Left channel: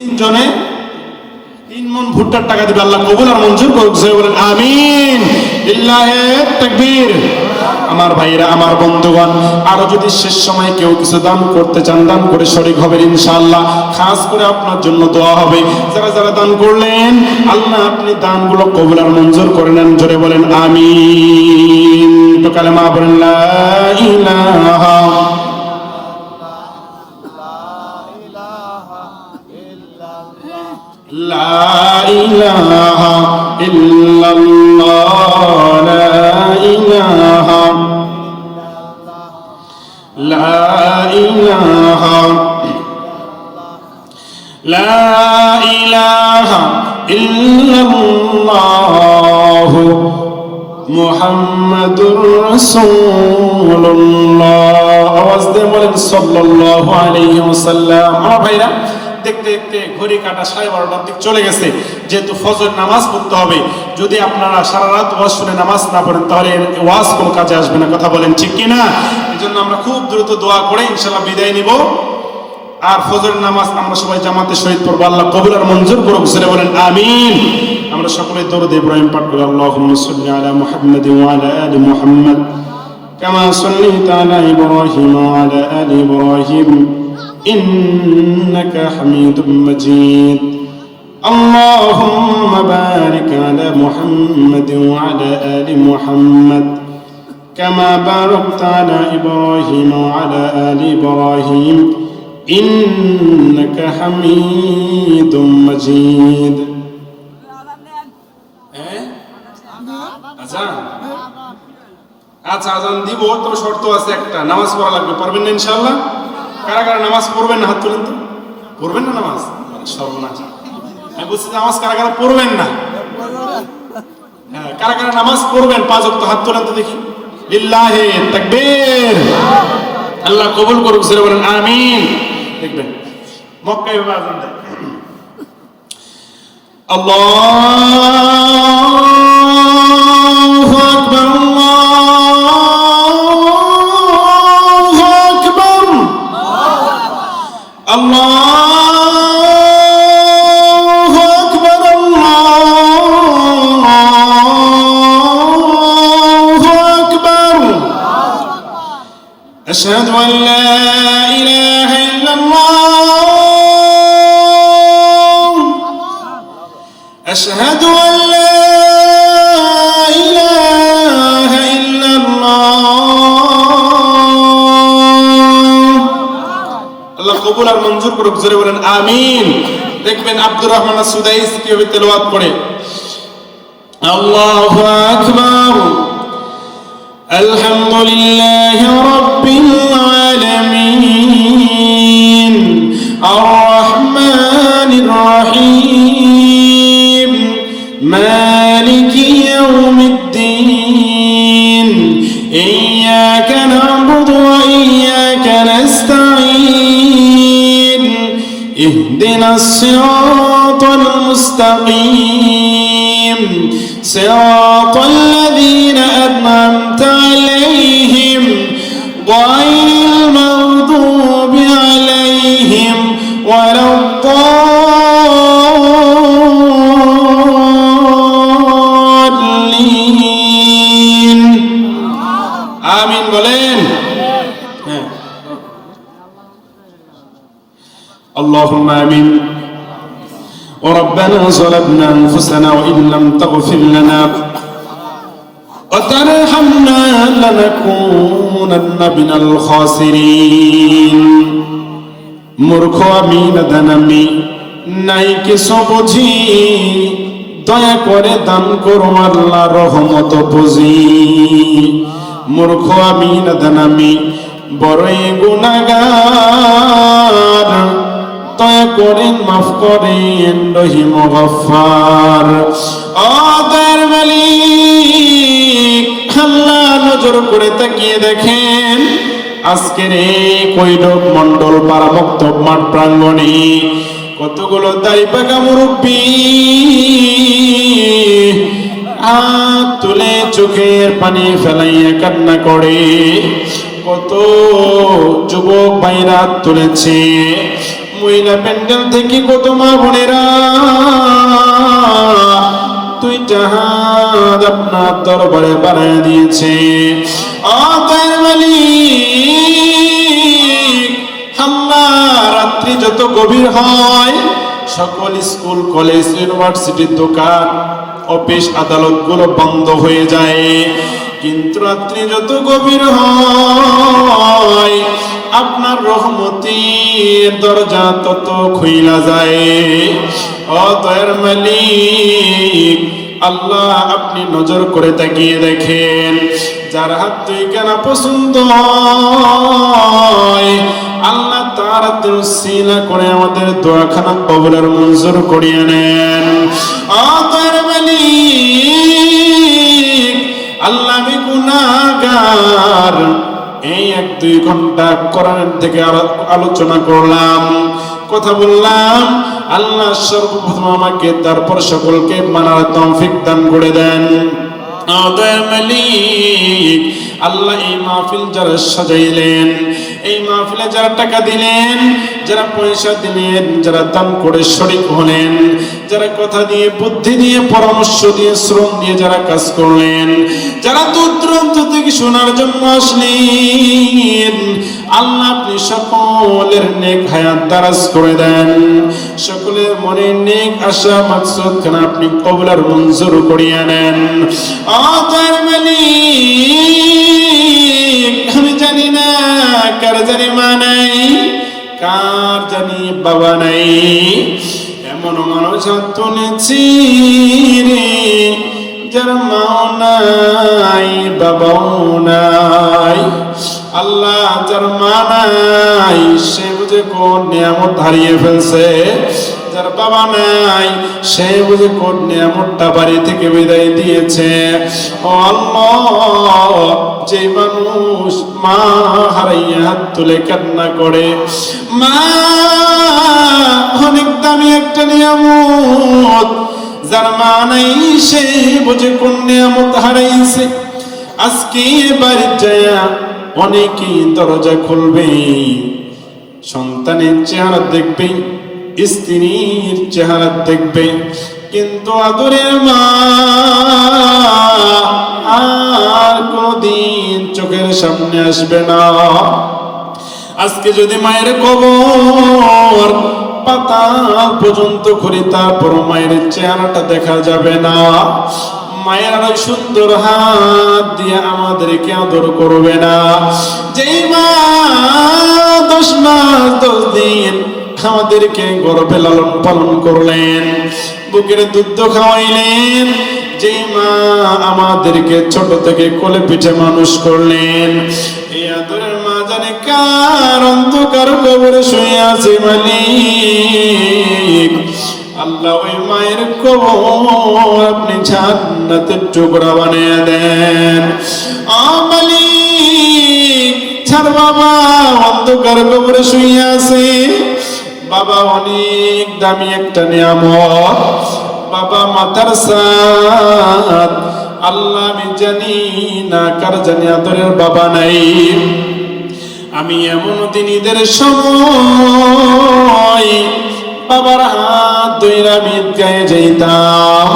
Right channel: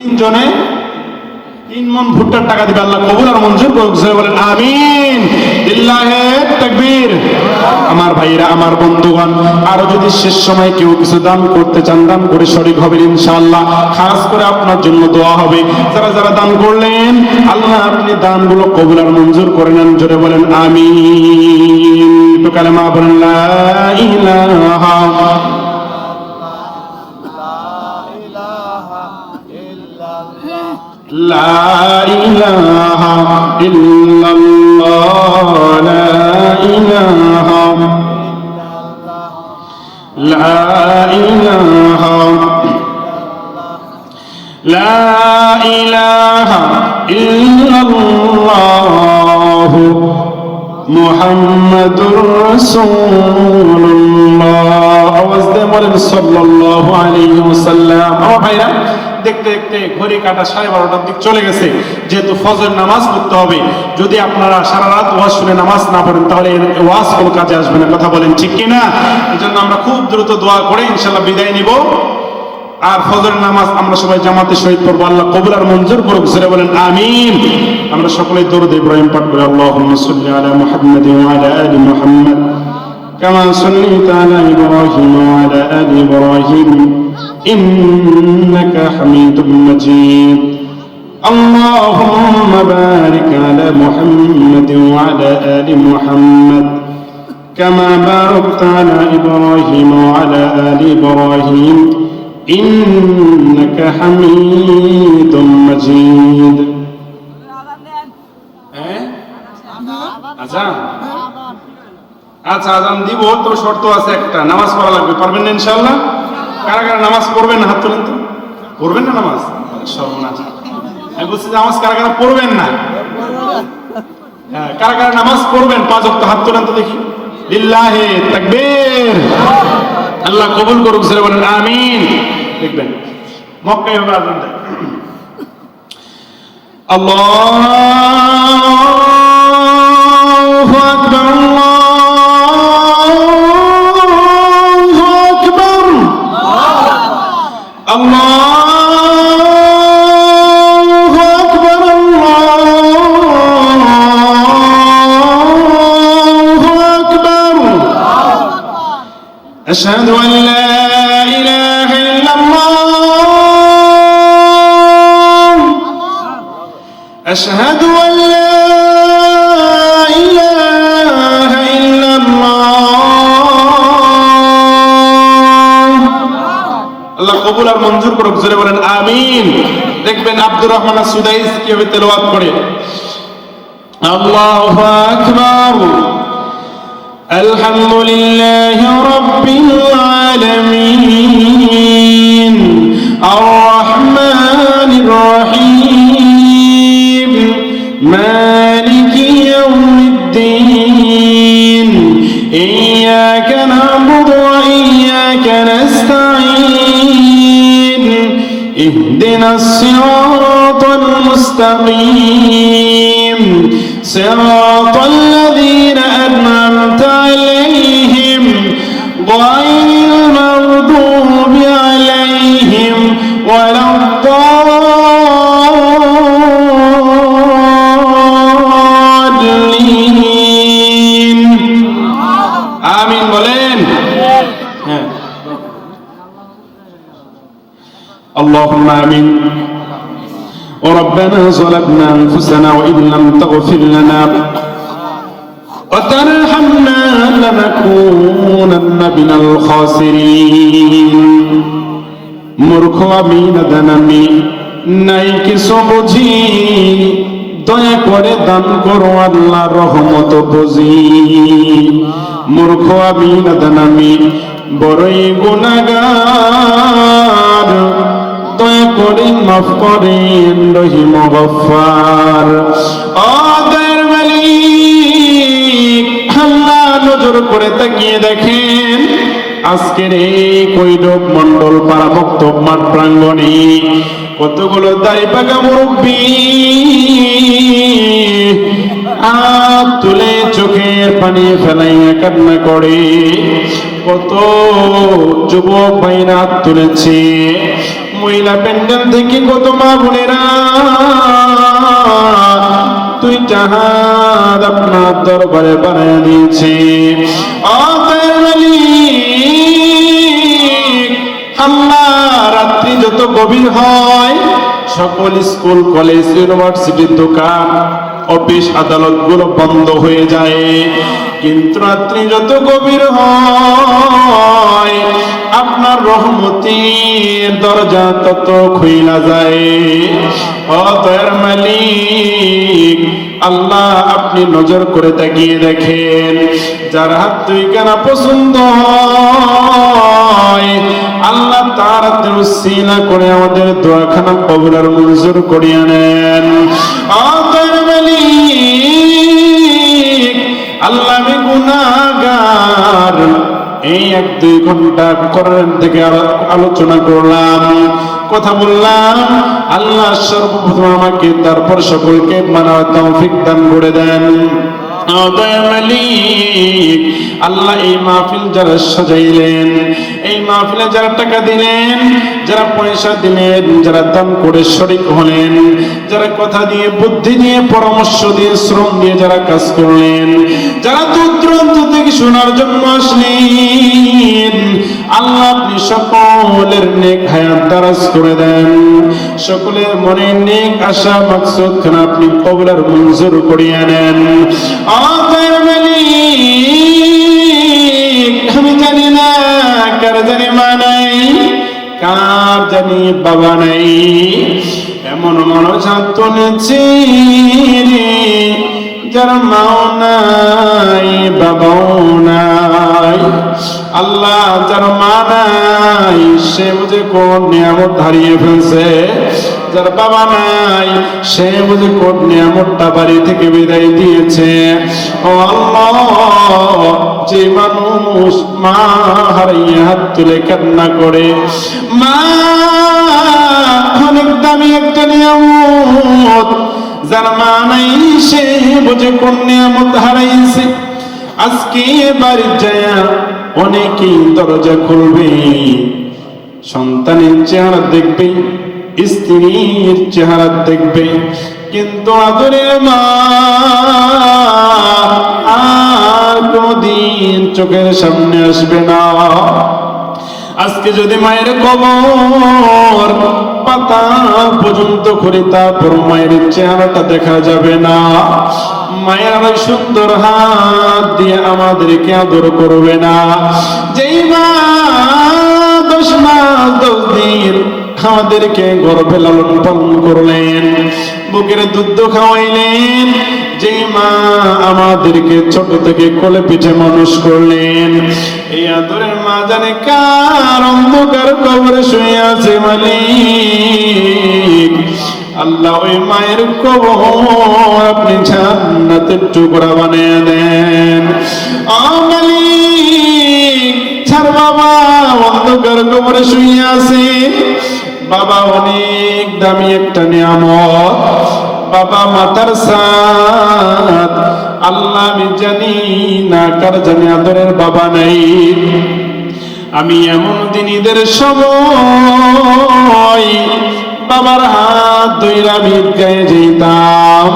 তিনজনে 3 মণ ভুট্টার টাকা দিবে, আল্লাহ কবুল আর মঞ্জুর করুক। বলেন আমিন। লিল্লাহি তাকবীর। আমার ভাইরা, আমার বন্ধুগণ, আরো যদি শেষ সময় কেউ কিছু দান করতে চান, দান করে শরীক হবেন ইনশাআল্লাহ। খাস করে আপনার জন্য দোয়া হবে। যারা যারা দান করলেন, আল্লাহ আপনি দানগুলো কবুল আর মঞ্জুর করে নেন। জোরে বলেন আমিন। কালেমা বলেন লা ইলাহা লা ইলাহা ইল্লাল্লাহ, লা ইলাহা লা ইলাহা ইল্লাল্লাহ মুহাম্মাদুর রাসূলুল্লাহ। আওয়াজ দিয়ে বলেন সাল্লাল্লাহু আলাইহি ওয়াসাল্লাম। আমার ভাইরা, দেখতে দেখতে ঘড়ি কাটা 12:30টার দিক চলে গেছে। যেহেতু ফজর নামাজ পড়তে হবে, যদি আপনারা সারা রাত ওয়াজ শুনে নামাজ না পড়েন, তাহলে ওয়াজ কোনো কাজে আসবে না। কথা বলেন ঠিক কিনা? এজন্য আমরা খুব দ্রুত দোয়া করে ইনশাআল্লাহ বিদায় নিব। আর ফজরের নামাজ আমরা সবাই জামাতে শহীদ পড়বো। আল্লাহ কবুল আর মঞ্জুর করুক। জোরে বলেন আমিন। আমরা সকলে দরুদ ইব্রাহিম পাঠ করি। আল্লাহুম্মা সাল্লি আলা মুহাম্মাদ ওয়া আলা আলি মুহাম্মাদ কামা সাল্লাইতা আলা ইব্রাহিম ওয়া আলা আলি ইব্রাহিম ইন্নাকা হামিদুম মাজিদ। আল্লাহুম্মা বারিক আলা মুহাম্মাদ ওয়া আলা আলি মুহাম্মাদ কামা বারাকতা আলা ইব্রাহিম ওয়া আলা আলি ইব্রাহিম ইন্নাকা হামিদুম মাজিদ। আচ্ছা, আজান দিব তো, শর্ত আছে একটা, নামাজ পড়া লাগবে। পারবেন না ইনশাআল্লাহ? কারা কারা নামাজ পড়বেন না হাত তুলেন তো। পড়বেন না নামাজ? সর্বনাশ। আমি বলছি নামাজ কারা কারা পড়বেন না? হ্যাঁ, কারা কারা নামাজ পড়বেন 5 ওয়াক্ত হাত তুলেন তো দেখি। লিল্লাহি তাকবীর। আল্লাহ কবুল করুক। জোরে বলেন আমিন। দেখবেন মক্কায় হবে আজান দেয়। আল্লাহু আকবার, আল্লাহু আকবার, আল্লাহু আকবার, আল্লাহু আকবার। আশহাদু আন লা أشهد أن لا إله إلا الله। আল্লাহ কবুল আর মঞ্জুর করুক। জোরে বলেন আমিন। দেখবেন আব্দুর রহমান সুদাইস কিভাবে তেলাওয়াত করে। আল্লাহু আকবার, আলহামদুলিল্লাহি রাব্বিল আলামিন, আর রহমানির রহিম, مالك يوم الدين، إياك نعبد وإياك نستعين، اهدنا الصراط المستقيم، صراط الذين أنعمت عليهم غير المغضوب عليهم ولا اللهم آمين. وربنا ظلمنا أنفسنا وإن لم تغفر لنا وترحمنا لنكونن من الخاسرين. মূর্খ আমি নাদান আমি, নাই কিছু বুঝি, দয়া করে দান করো আল্লাহ রহমত বুঝি। মূর্খ আমি নাদান আমি, বড়ই গুনাহগার, দয়া করে মাফ করেন রহিম গফফার। দয়ার মালিক, আল্লাহ নজর করে তাকিয়ে দেখেন আজকের এই কৈরব মন্ডল পাড়া বক্তব্য মাঠ প্রাঙ্গণে কতগুলো দাড়ি পাকা মুরব্বী হাত তুলে চোখের পানি ফেলাইয়া কান্না করে। কত যুবক ভাইরা তুলেছে, মহিলা প্যান্ডেল থেকে কত মা বোনেরা তুই জাহাজ আপনার দরবারে বানিয়ে দিয়েছে। আল্লাহর মালিক আল্লাহ, রাত্রি যত গভীর হয় সকল স্কুল কলেজ ইউনিভার্সিটির দোকান অফিস আদালত গুলো বন্ধ হয়ে যায়, কিন্তু রাত্রি যত গভীর হয় আপনার রহমতের দরজা তত খুইলা যায়। অতএর মালিক আল্লাহ, আপনি নজর করে তাকিয়ে দেখেন, যার হাত দুই কানা পছন্দ হয় আল্লাহ তার উসিলা করে আমাদের দোয়াখানা কবুলের মঞ্জুর করিয়ে নেন। অতএর মালিক আল্লাহ, আমি গুনাহগার, এই 1-2 ঘন্টা কোরআন থেকে আলোচনা করলাম, কথা বললাম, আল্লাহ সর্বপ্রথম আমাকে তারপর সকলকে মানার তৌফিক দান করে দেন। মালিক আল্লাহ, এই মাহফিল যারা সাজাইলেন, এই মাহফিলে যারা টাকা দিলেন, যারা পয়সা দিলেন, যারা দান করে শরীক হলেন, যারা কথা দিয়ে বুদ্ধি দিয়ে পরামর্শ দিয়ে শ্রম দিয়ে যারা কাজ করলেন, যারা দূর দূরান্ত থেকে শোনার জন্য আসলেন, আল্লাহ আপনি সকলের নেক হায়াত দারাজ করে দেন, সকলের মনের নেক আশা মাকসুদ খান আপনি কবুলের মঞ্জুর করিয়া নেন। আল্লাহর মালিক, আমি জানি না কার জানি মা নাই, কার জানি বাবা নাই, এমন মানুষ হাত তুলেছি যার মাও নাই বাবাও নাই। আল্লাহ, যার মা নাই সে বুঝে কোন নিয়ামত হারিয়ে ফেলছে, যার বাবা নাই সে বুঝে কোন নিয়ামতটা বাড়ি থেকে বিদায় দিয়েছে। আল্লাহ, যে মানুষ মা হারাইয়া হাত তুলে কান্না করে, মা অনেক দামি একটা নিয়ামত, যার মা নাই সে বুঝে কোন নিয়ামত হারাইছে। আজকে বাড়ি যায় অনেকেই দরজা খুলবে, সন্তানের চেহারা দেখবে, স্ত্রীর চেহারা দেখবে, কিন্তু আদরের মা আর কোনদিন চোখের সামনে আসবে না। আজকে যদি মায়ের কবর পাতা পর্যন্ত করি, তারপর মায়ের চেহারাটা দেখা যাবে না। মায়ের সুন্দর হাত দিয়ে আমাদেরকে আদর করবে না। যেই মা 10 মাস 10 দিন আমাদেরকে গর্ভে লালন পালন করলেন, বুকের দুধ খাওয়াইলেন, যেই মা আমাদেরকে ছোট থেকে কোলে পিঠে মানুষ করলেন, এই আদরের মা জানে কার অন্ধকার কবরে শুয়ে আছে। মালিক আল্লাহ, ওই মায়ের কবর আপনি জান্নাতের টুকরা বানিয়ে দেন। মালিক, ছাড় বাবা অন্ধকার কবরে শুয়ে আছে, বাবা অনেক দামি একটা নিয়ামত, বাবা মাতার সাথ। আল্লাহ, আমি জানি না কার জানি আদরের বাবা নাই। আমি এমন দিন ঈদের সময় বাবার হাত ধরে আমি ঈদগাহে যেতাম,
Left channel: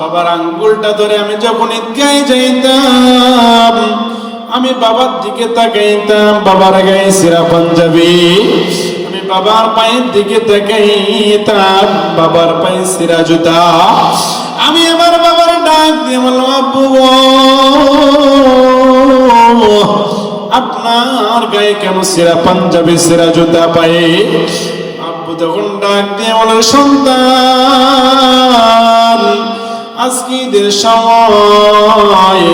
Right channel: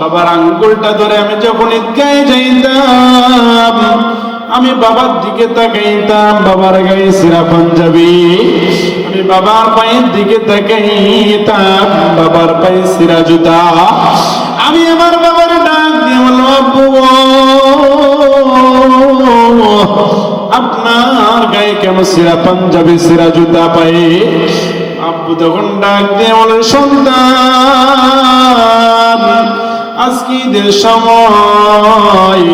বাবার আঙ্গুলটা ধরে আমি যখন ঈদগাহে যেতাম, আমি বাবার দিকে তাকাইতাম, বাবার গায়ে সিরা পাঞ্জাবি, আমি বাবার পায়ের দিকে তাকাইতাম, বাবার পায়ে সিরা জুতা। আমি আমার বাবার ডাক দিয়ে বললাম, আব্বু আপনার গায়ে কেন সিরা পাঞ্জাবি সিরা জুতা পায়ে? আব্বু তখন ডাক দিয়ে বলে, সন্তান, আজকে ঈদের সময়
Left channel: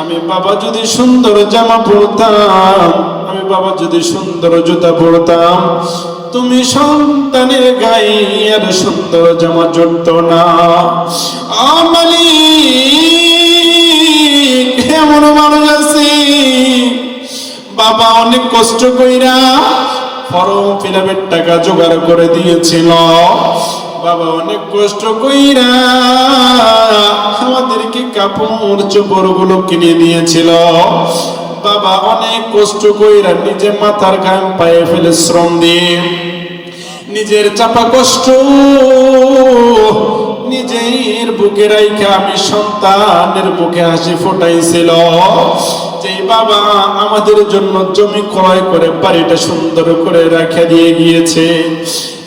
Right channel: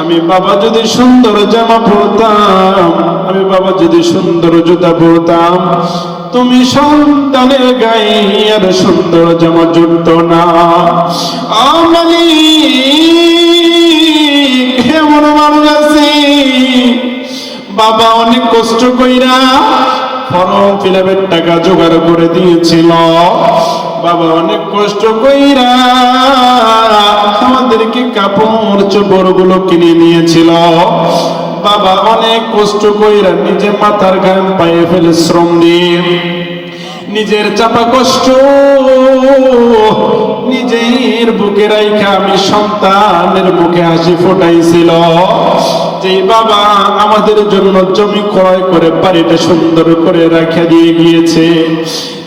আমি বাবা যদি সুন্দর জামা পরতাম, আমি বাবা যদি সুন্দর জুতা পরতাম, তুমি সন্তানের গায়ে আর সুন্দর জামা জুটতো না। বাবা অনেক কষ্ট কইরা ফর্ম ফিলাপের টাকা জোগাড় করে দিয়েছিল, বাবা অনেক কষ্ট কইরা আমাদেরকে কাপড় চোপড় গুলো কিনে দিয়েছিল, বাবা অনেক কষ্ট কইরা নিজে মাথার ঘাম পায়ে ফেলে শ্রম দিয়ে নিজের চাপা কষ্ট নিজের বুকে রাইখা আমি সন্তানের মুখে হাসি ফোটাইছিল। যেই বাবা আমাদের জন্য জমি ক্রয় করে বাড়িটা সুন্দর করে রাখা দিয়ে গিয়েছে,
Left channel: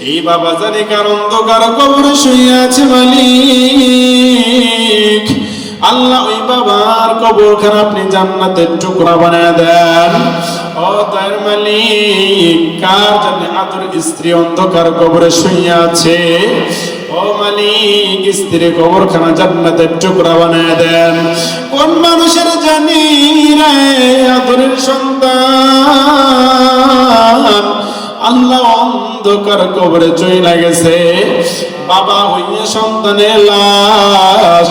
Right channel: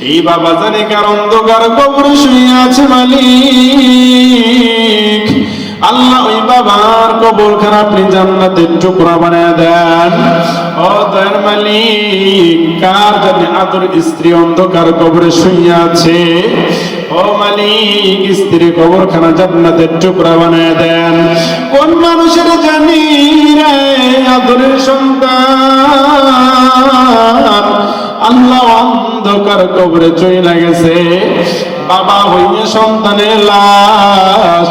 এই বাবা জানে কার অন্ধকার কবরে শুয়ে আছে মালিক। আল্লাহ ওই বাবার কবরখানা আপনি জান্নাতের টুকরা বানায় দেন। ও দয়ার মালিক, কার জানে আদর স্ত্রী অন্ধকার কবরে শুয়ে আছে, ও মালিক স্ত্রী কবরখানা জান্নাতের টুকরা বানায় দেন। কোন মানুষের জানি রে আদরের সন্তান আল্লাহ অন্ধকার কবরে চলে গেছে, বাবা হইয়া সন্তানের লাশ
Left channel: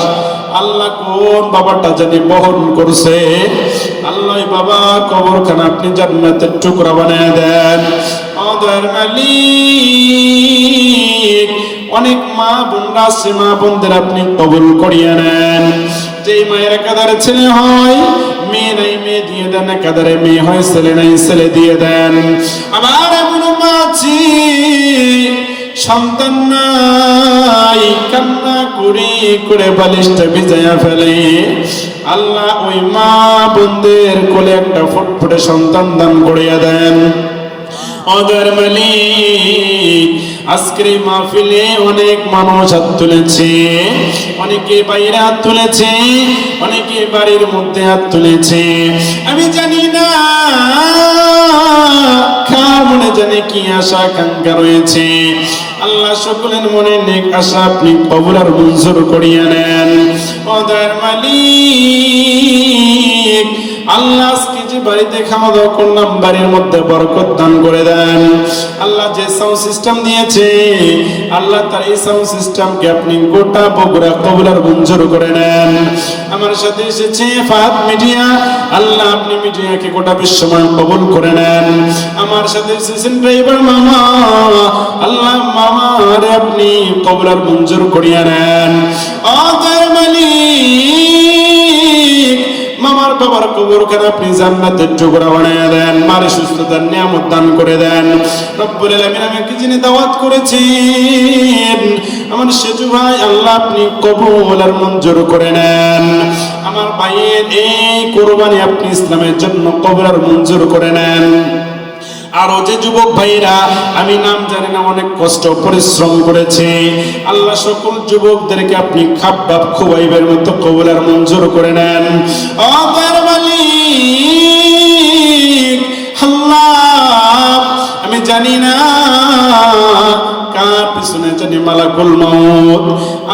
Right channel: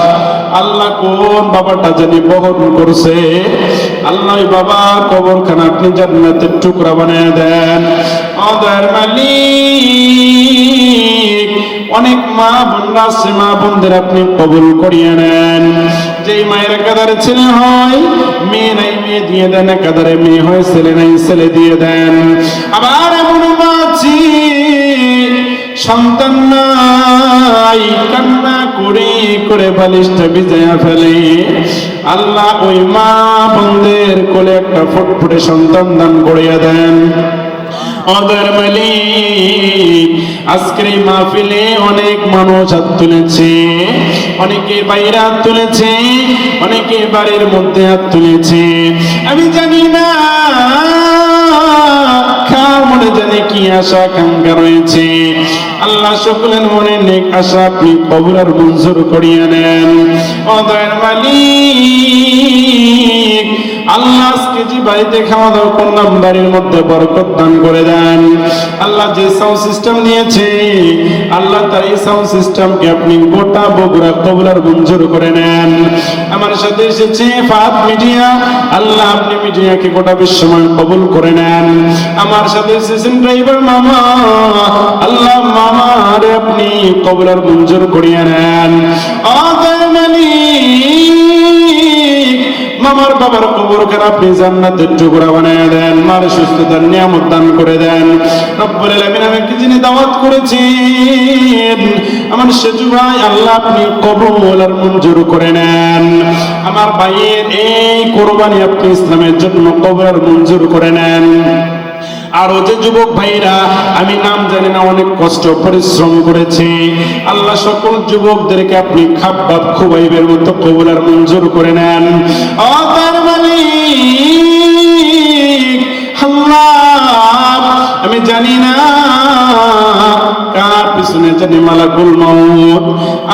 আল্লাহ কোন বাবাটা জানি বহন করছে। আল্লাহ বাবা কবরখানা আপনি জান্নাতের টুকরা বানায় দেন। ওদের মালিক অনেক মা বোনরা আছে, মা বোনদের আপনি কবুল করিয়ে নেন। যেই মায়ের কাদারে ছেলে হয় মেয়ে নাই মেয়ে দিয়ে দেন, কাদারে মেয়ে হয় ছেলে নাই ছেলে দিয়ে দেন। আবার এমন মা আছে সন্তান নাই, কান্না করে করে বালিশটা ভিজায়া ফেলে। আল্লাহ ওই মা বোনদের কোলে একটা ফুটফুটে সন্তান দান করিয়া দেন। ওদের মালিক আজকের এই মাহফিলে অনেক মানুষ হাত তুলেছে, অনেকে বাইরে হাত তুলেছে, অনেকে বাড়ির মধ্যে হাত তুলেছে। আমি জানি না কার মনে জানে কি আশা আকাঙ্ক্ষা রয়েছে। আল্লাহ সকলের মনে নেক আশা আপনি কবুল আর মঞ্জুর করিয়া নেন। ওদের মালিক আল্লাহ আজকে যে বাড়িতে খাওয়া দাওয়া করলাম বাড়ির মধ্যে বরকত দান করে দেন। আল্লাহ যে সাউন্ড সিস্টেম দিয়েছে আল্লাহ তার এই সাউন্ড সিস্টেমকে আপনি গোটা বগুড়া কবুল আর মঞ্জুর করে নেন। আমার সাথে এসেছে ফাত মিডিয়া, আল্লাহ আপনি মিডিয়াকে গোটা বিশ্বময় কবুল করে নেন। আমার সাথে এসেছেন ড্রাইভার মামা, আল্লাহ মামারে আপনি কবুল আর মঞ্জুর করিয়ে নেন। ওদের মালিক মামার বাবার কবরখানা আপনি জান্নাতের টুকরা বানায় দেন, মারে সুস্থতার নিয়ামত দান করে দেন। রব্বুল আলামিন আমাকে যিনি দাওয়াত করেছেন আমার সেজু ভাই আল্লাহ আপনি কবুল আর মঞ্জুর করে নেন। আমার ভাইয়ের এই কোরবানি আপনি ইসলামের জন্য কবুল আর মঞ্জুর করে নেন। আরো যে যুবক ভাইরা আমি নাম জানি না অনেক কষ্ট পরিশ্রম করেছে, আল্লাহ সকল যুবকদেরকে আপনি খাপ বাপ খুবাইবের মতো কবুল আর মঞ্জুর করে নেন। ও তার মালিক আল্লাহ আমি জানি না কার পিছনে জানি মালাকুল মাউত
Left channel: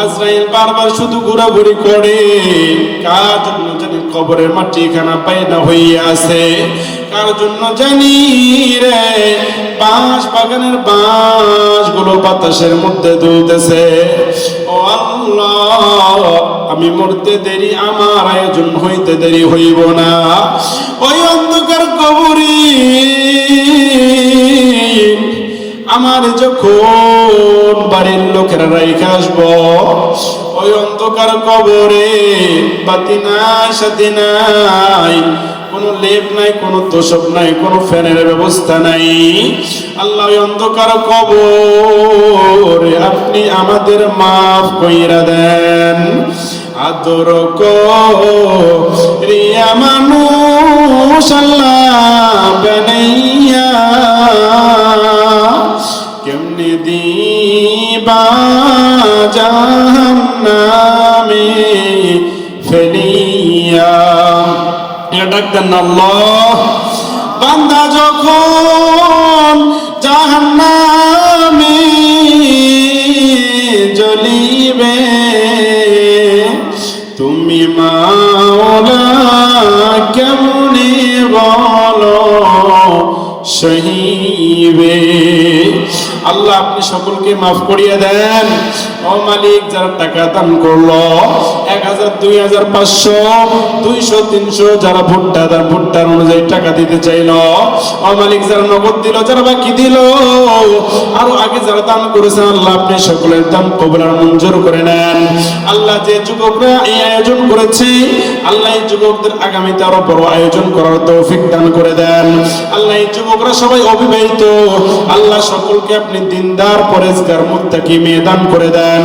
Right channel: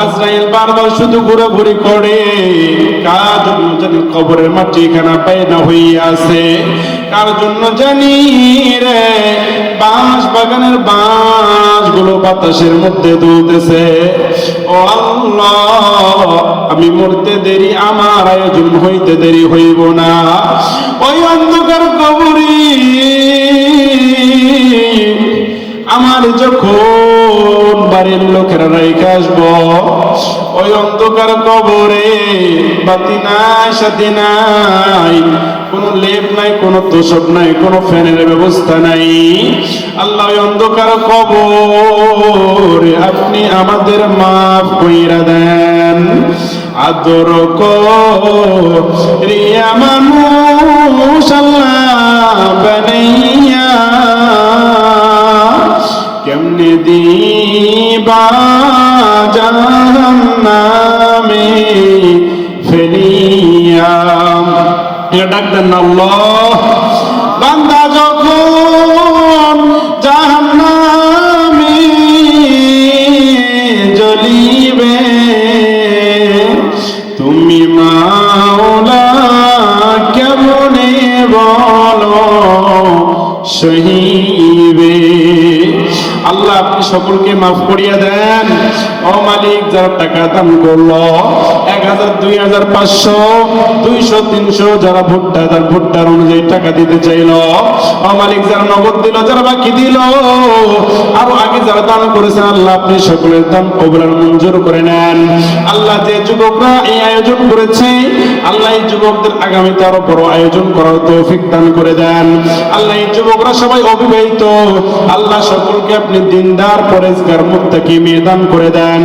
আজরাইল বারবার শুধু ঘোরাঘুরি করে, কার জন্য জানি কবরের মাটি খানা পায়না হয়ে আছে, কার জন্য জানি রে বাঁশ বাগানের বাঁশ গুলো বাতাসের মধ্যে দুলতেছে। ও আল্লাহ আমি মরতে দেরি আমার আয়োজন হইতে দেরি হইব না। ওই অন্ধকার কবরে আমার যখন বাড়ির লোকেরা রাইখা আসবো, ওই অন্ধকার কবরে বাতি নাই সাথে নাই, কোনো লেপ নাই, কোনো তোষক নাই, কোনো ফ্যানের ব্যবস্থা নাই। আল্লাহ ওই অন্ধকার কবরে আপনি আমাদের মাফ কইরা দেন। আদর করিয়া মানুষ আল্লাহ বানাইয়া কেমনে দিবা জাহান্নামে ফেলিয়া। ডাক দেন আল্লাহ, বান্দা যখন জাহান্নামে জ্বলিবে তুমি মাওলা কেমনে বলো সহিবে। আল্লাহ আপনি সকলকে মাফ করিয়া দেন। ও মালিক যারা টাকা দান করলো 1000 2000 500 200 300 যারা ভুট্টার অনুযায়ী টাকা দিতে চাইলো, ও মালিক যারা নগদ দিল, যারা বাকি দিল, আর আগে যারা দান করেছেন আল্লাহ আপনি সকলের দান কবুল আর মঞ্জুর করে নেন। আল্লাহ যে যুবকরা এই আয়োজন করেছে আল্লাহ এই যুবকদের আগামীতে আরো বড় আয়োজন করার তৌফিক দান করে দেন। আল্লাহ এই যুবকরা সবাই অবিবাহিত, আল্লাহ সকলকে আপনি দিনদার পরেজগার মুত্তাকি মেয়ে দান করে দেন।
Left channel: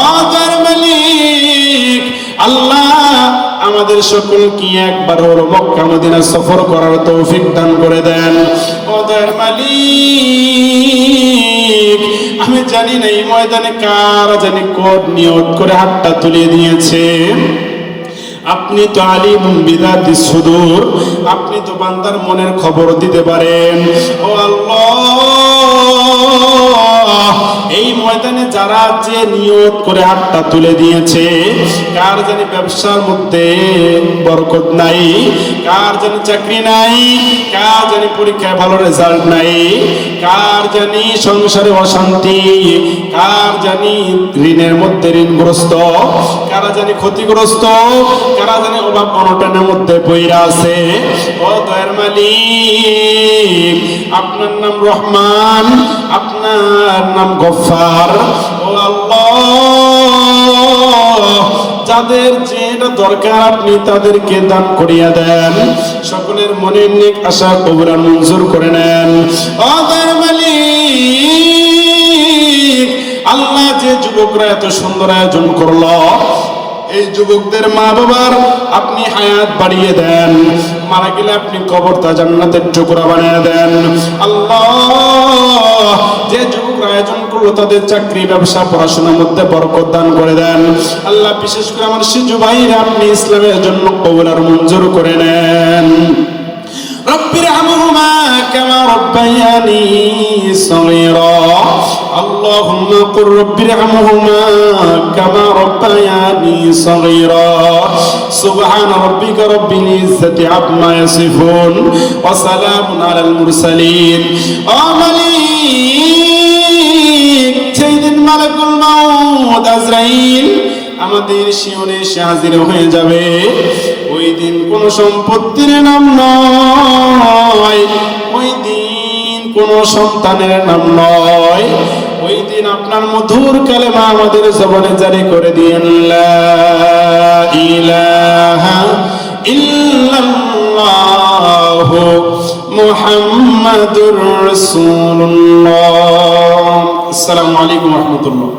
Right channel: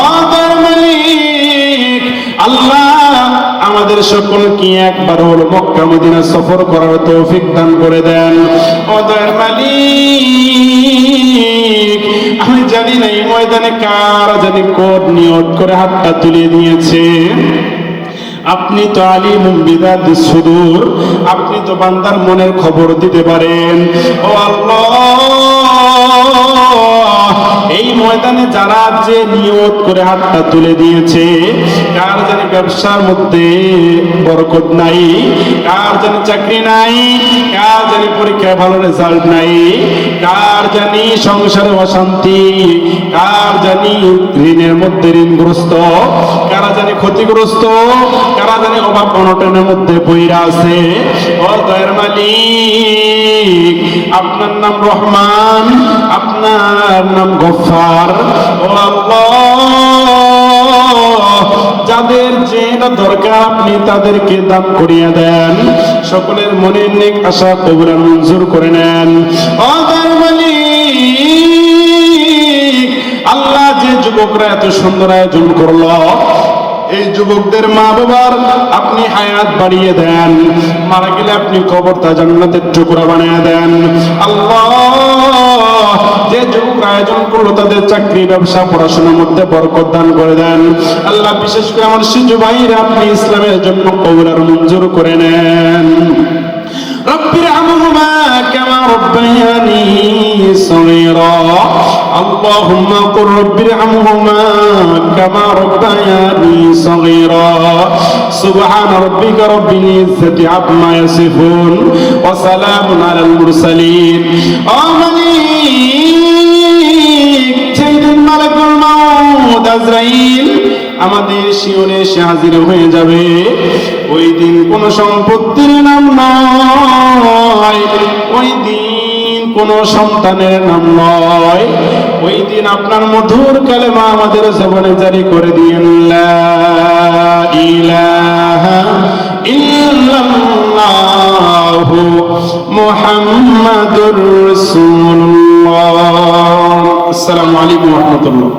ও দয়ার মালিক আল্লাহ আমাদের সকলকে একবার হলো মক্কা মদিনা সফর করার তৌফিক দান করে দেন। ও দয়ার মালিক আমি জানি না এই ময়দানে কারা জানি কোড নিয়ত করে হাতটা তুলে দিয়েছে। আপনি তো আলিমুম বিযাতিস সুদূর, আপনি তো বান্দার মনের খবর দিতে পারেন। ও আল্লাহ এই ময়দানে যারা যে নিয়ত করে হাতটা তুলে দিয়েছে, কার জানি ব্যবসার মধ্যে বরকত নাই, কার জানি চাকরি নাই, কার জানি পরীক্ষায় ভালো রেজাল্ট নাই, কার জানি সংসারে অশান্তি, কার জানি ঋণের মধ্যে ঋণগ্রস্ত, কারা জানি ক্ষতিগ্রস্ত, কারা জানি অভাব অনটনের মধ্যে পইরা আছে। ও দয়ার মালিক আপনার নাম রহমান, আপনার নাম গফফার। ও আল্লাহ যাদের যেটা দরকার আপনি তাদেরকে দান করিয়া দেন, সকলের মনের নেক আশা কবুল আর মঞ্জুর করে নেন। ও দয়ার মালিক আল্লাহ যে যুবকরা এত সুন্দর আয়োজন করলো এই যুবকদের মা বাবার আপনি হায়াত বাড়িয়ে দেন, মারা গেলে আপনি কবরটা জান্নাতের টুকরা বানিয়ে দেন। আল্লাহ যে যুবকরা আয়োজন করলো তাদের চাকরি ব্যবসা পড়াশোনার মধ্যে বরকত দান করে দেন। আল্লাহ বিশেষ করে আমার শিশু ভাইরা আপনি ইসলামের জন্য কবুল আর মঞ্জুর করে নেন। রব্বির হামহুমা কামা রব্বায়ানি সগীরা। اللهم قل رب ارحمهما كما ربياني صغيرا سبحان ربك رب العزة عما يصفون وسلام على المرسلين آمين سيدنا ملك الموت আজরাইল আমাদের শিয়রে এসে হাজির হয়ে যাবে। ওই দিন কোন সম্পত্তির নাম নয়, ওই দিন কোন সন্তানের নাম নয়, ওই দিন আপনার মধুর কালেমা আমাদের জবানে জারি করে দিয়েন, লা ইলাহা ইল্লাল্লাহু মুহাম্মাদুর রাসূলুল্লাহ। আসসালামু আলাইকুম ওয়া রাহমাতুল্লাহ।